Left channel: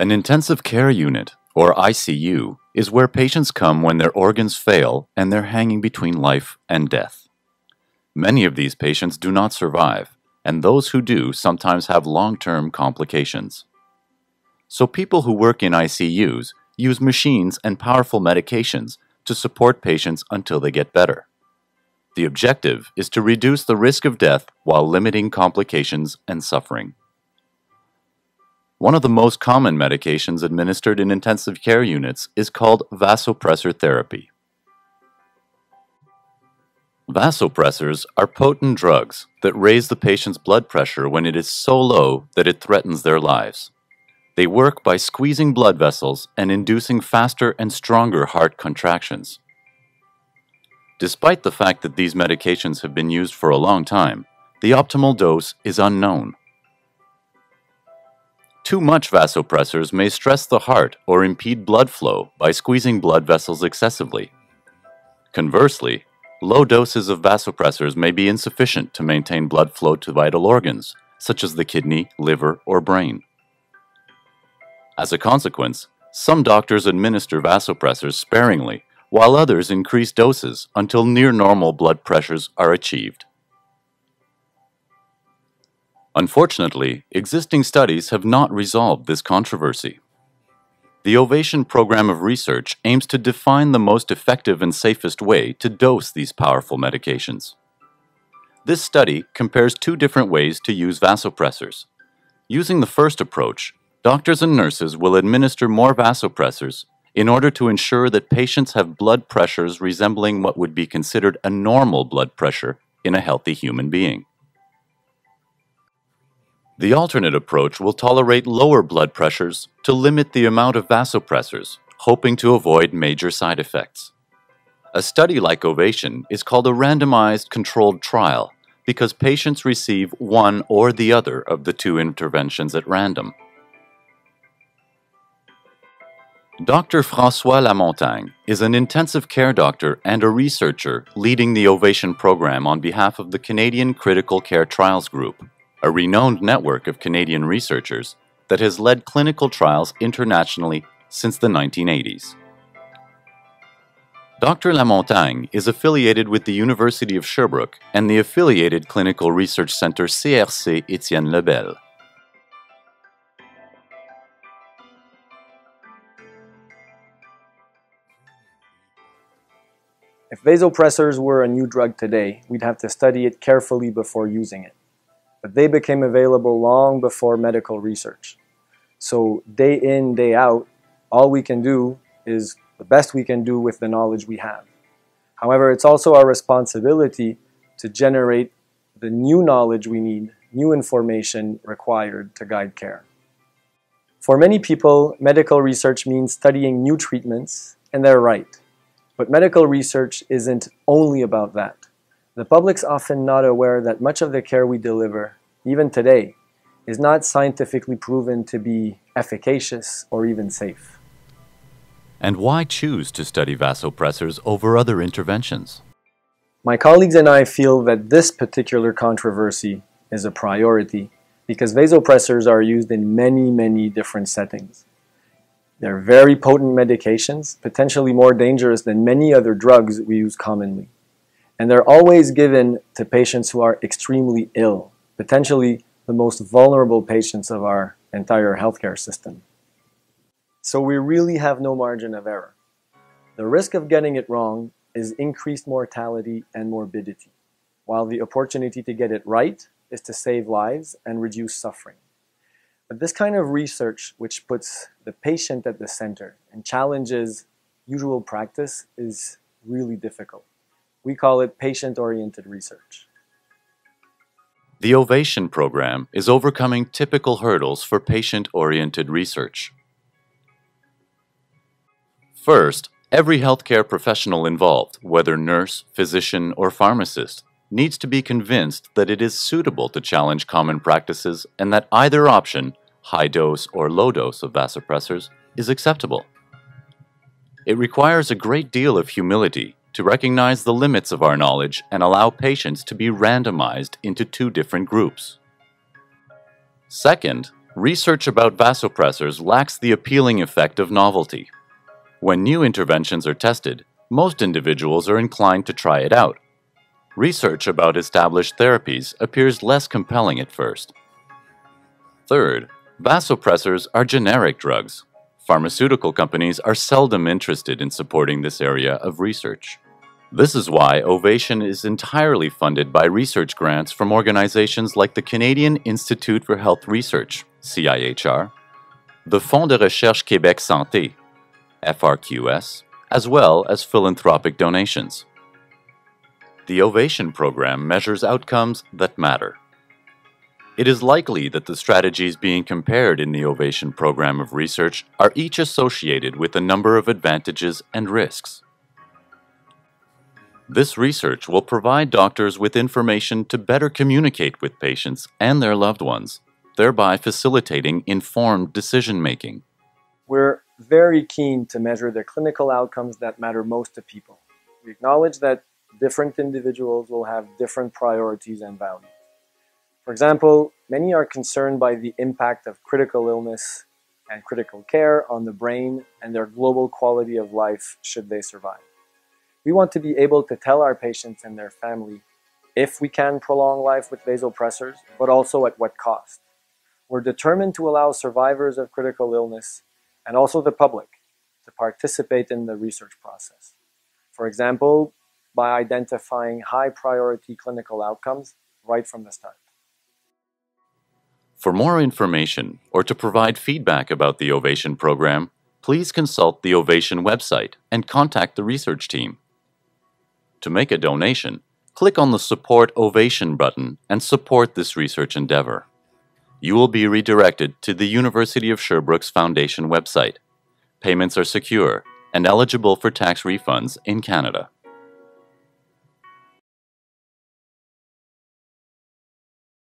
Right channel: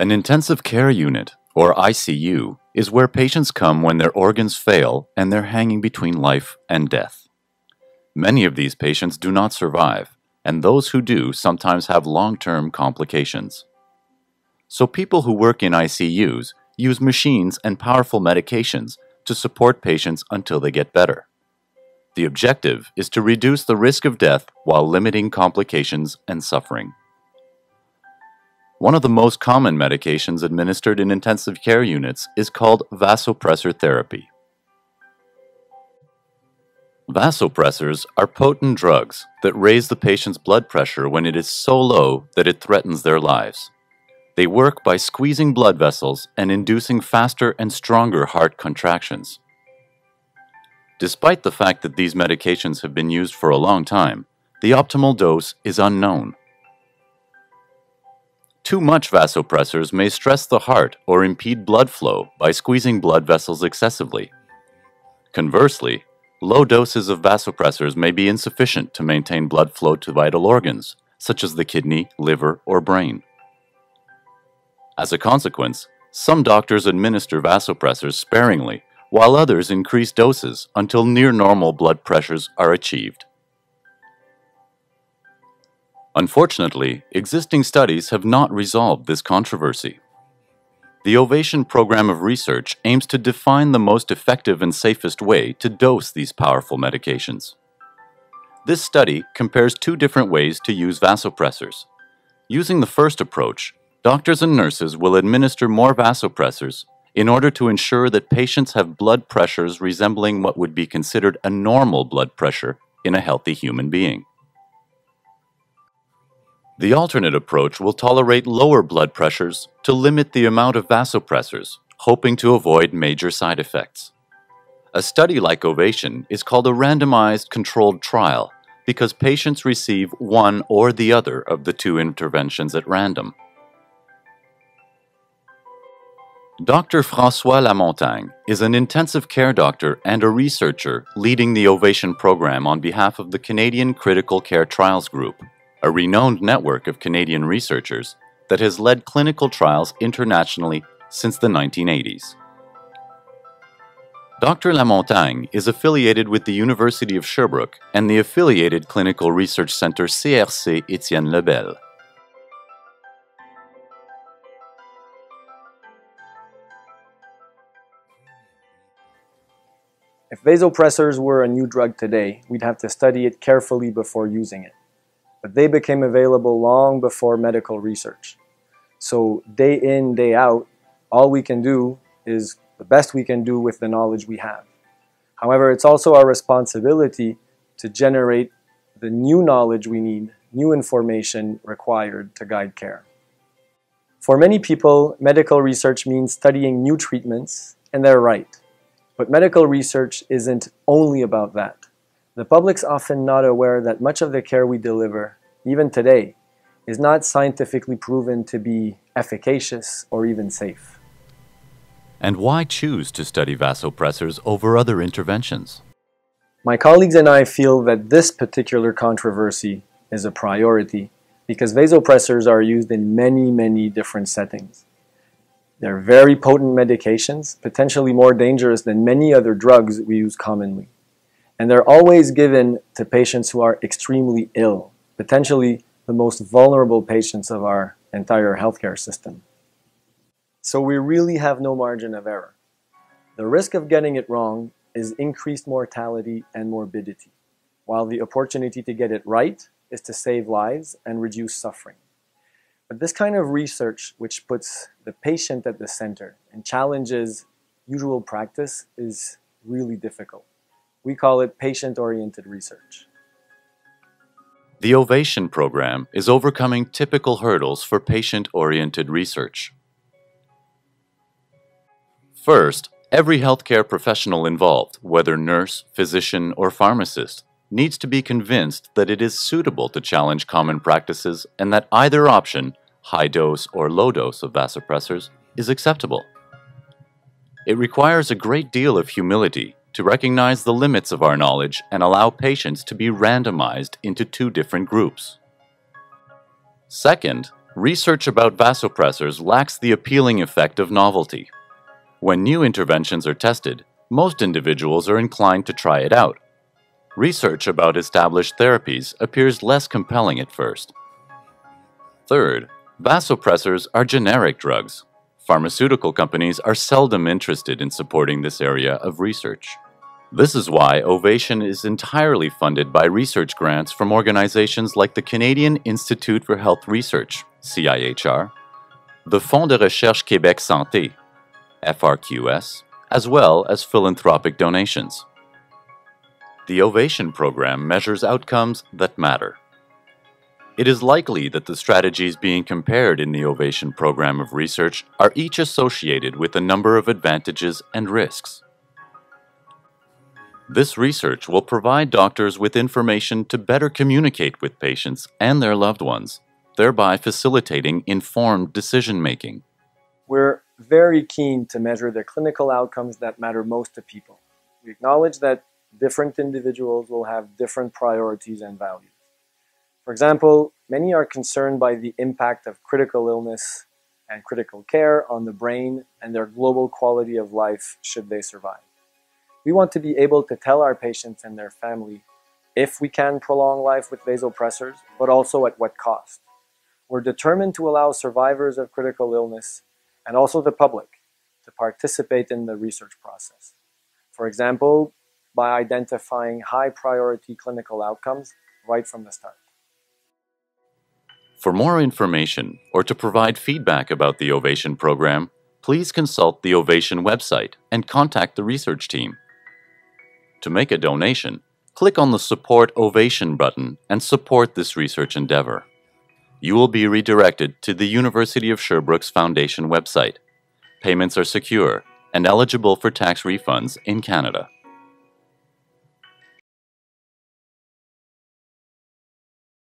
An intensive care unit, or ICU, is where patients come when their organs fail and they're hanging between life and death. Many of these patients do not survive, and those who do sometimes have long-term complications. So people who work in ICUs use machines and powerful medications to support patients until they get better. The objective is to reduce the risk of death while limiting complications and suffering. One of the most common medications administered in intensive care units is called vasopressor therapy. Vasopressors are potent drugs that raise the patient's blood pressure when it is so low that it threatens their lives. They work by squeezing blood vessels and inducing faster and stronger heart contractions. Despite the fact that these medications have been used for a long time, the optimal dose is unknown. Too much vasopressors may stress the heart or impede blood flow by squeezing blood vessels excessively. Conversely, low doses of vasopressors may be insufficient to maintain blood flow to vital organs, such as the kidney, liver, or brain. As a consequence, some doctors administer vasopressors sparingly, while others increase doses until near normal blood pressures are achieved. Unfortunately, existing studies have not resolved this controversy. The OVATION program of research aims to define the most effective and safest way to dose these powerful medications. This study compares two different ways to use vasopressors. Using the first approach, doctors and nurses will administer more vasopressors in order to ensure that patients have blood pressures resembling what would be considered a normal blood pressure in a healthy human being. The alternate approach will tolerate lower blood pressures to limit the amount of vasopressors, hoping to avoid major side effects. A study like OVATION is called a randomized controlled trial because patients receive one or the other of the two interventions at random. Dr. François Lamontagne is an intensive care doctor and a researcher leading the OVATION program on behalf of the Canadian Critical Care Trials Group, a renowned network of Canadian researchers that has led clinical trials internationally since the 1980s. Dr. Lamontagne is affiliated with the University of Sherbrooke and the affiliated Clinical Research Centre CRC Étienne Lebel. Vasopressors were a new drug today. We have to study it carefully before using it. They became available long before medical research. So day in, day out, all we can do is the best we can do with the knowledge we have. However, it's also our responsibility to generate the new knowledge we need, new information required to guide care. For many people, medical research means studying new treatments, and they're right. But medical research isn't only about that. The public is often not aware that much of the care we deliver, even today, is not scientifically proven to be efficacious and safe. And why choose to study vasopressors over other interventions? My colleagues and I feel that this particular controversy is a priority because vasopressors are used in many different settings. They're very potent medications, potentially more dangerous than many other drugs we use commonly. And they're always given to patients who are extremely ill, potentially the most vulnerable patients of our entire healthcare system. So we really have no margin of error. The risk of getting it wrong is increased mortality and morbidity, while the opportunity to get it right is to save lives and reduce suffering. But this kind of research, which puts the patient at the center and challenges usual practice, is really difficult. We call it patient-oriented research. The OVATION program is overcoming typical hurdles for patient-oriented research. First, every healthcare professional involved, whether nurse, physician, or pharmacist, needs to be convinced that it is suitable to challenge common practices and that either option, high dose or low dose of vasopressors, is acceptable. It requires a great deal of humility to recognize the limits of our knowledge and allow patients to be randomized into two different groups. Second, Research about vasopressors lacks the appealing effect of novelty. When new interventions are tested, most individuals are inclined to try it out. Research about established therapies appears less compelling at first. Third, vasopressors are generic drugs. Pharmaceutical companies are seldom interested in supporting this area of research. This is why OVATION is entirely funded by research grants from organizations like the Canadian Institute for Health Research, CIHR, the Fonds de Recherche Québec Santé, FRQS, as well as philanthropic donations. The OVATION program measures outcomes that matter. It is likely that the strategies being compared in the OVATION program of research are each associated with a number of advantages and risks. This research will provide doctors with information to better communicate with patients and their loved ones, thereby facilitating informed decision-making. We're very keen to measure the clinical outcomes that matter most to people. We acknowledge that different individuals will have different priorities and values. For example, many are concerned by the impact of critical illness and critical care on the brain and their global quality of life should they survive. We want to be able to tell our patients and their family if we can prolong life with vasopressors, but also at what cost. We're determined to allow survivors of critical illness and also the public to participate in the research process. For example, by identifying high-priority clinical outcomes right from the start. For more information or to provide feedback about the OVATION program, please consult the OVATION website and contact the research team. To make a donation, click on the Support OVATION button and support this research endeavor. You will be redirected to the University of Sherbrooke's Foundation website. Payments are secure and eligible for tax refunds in Canada.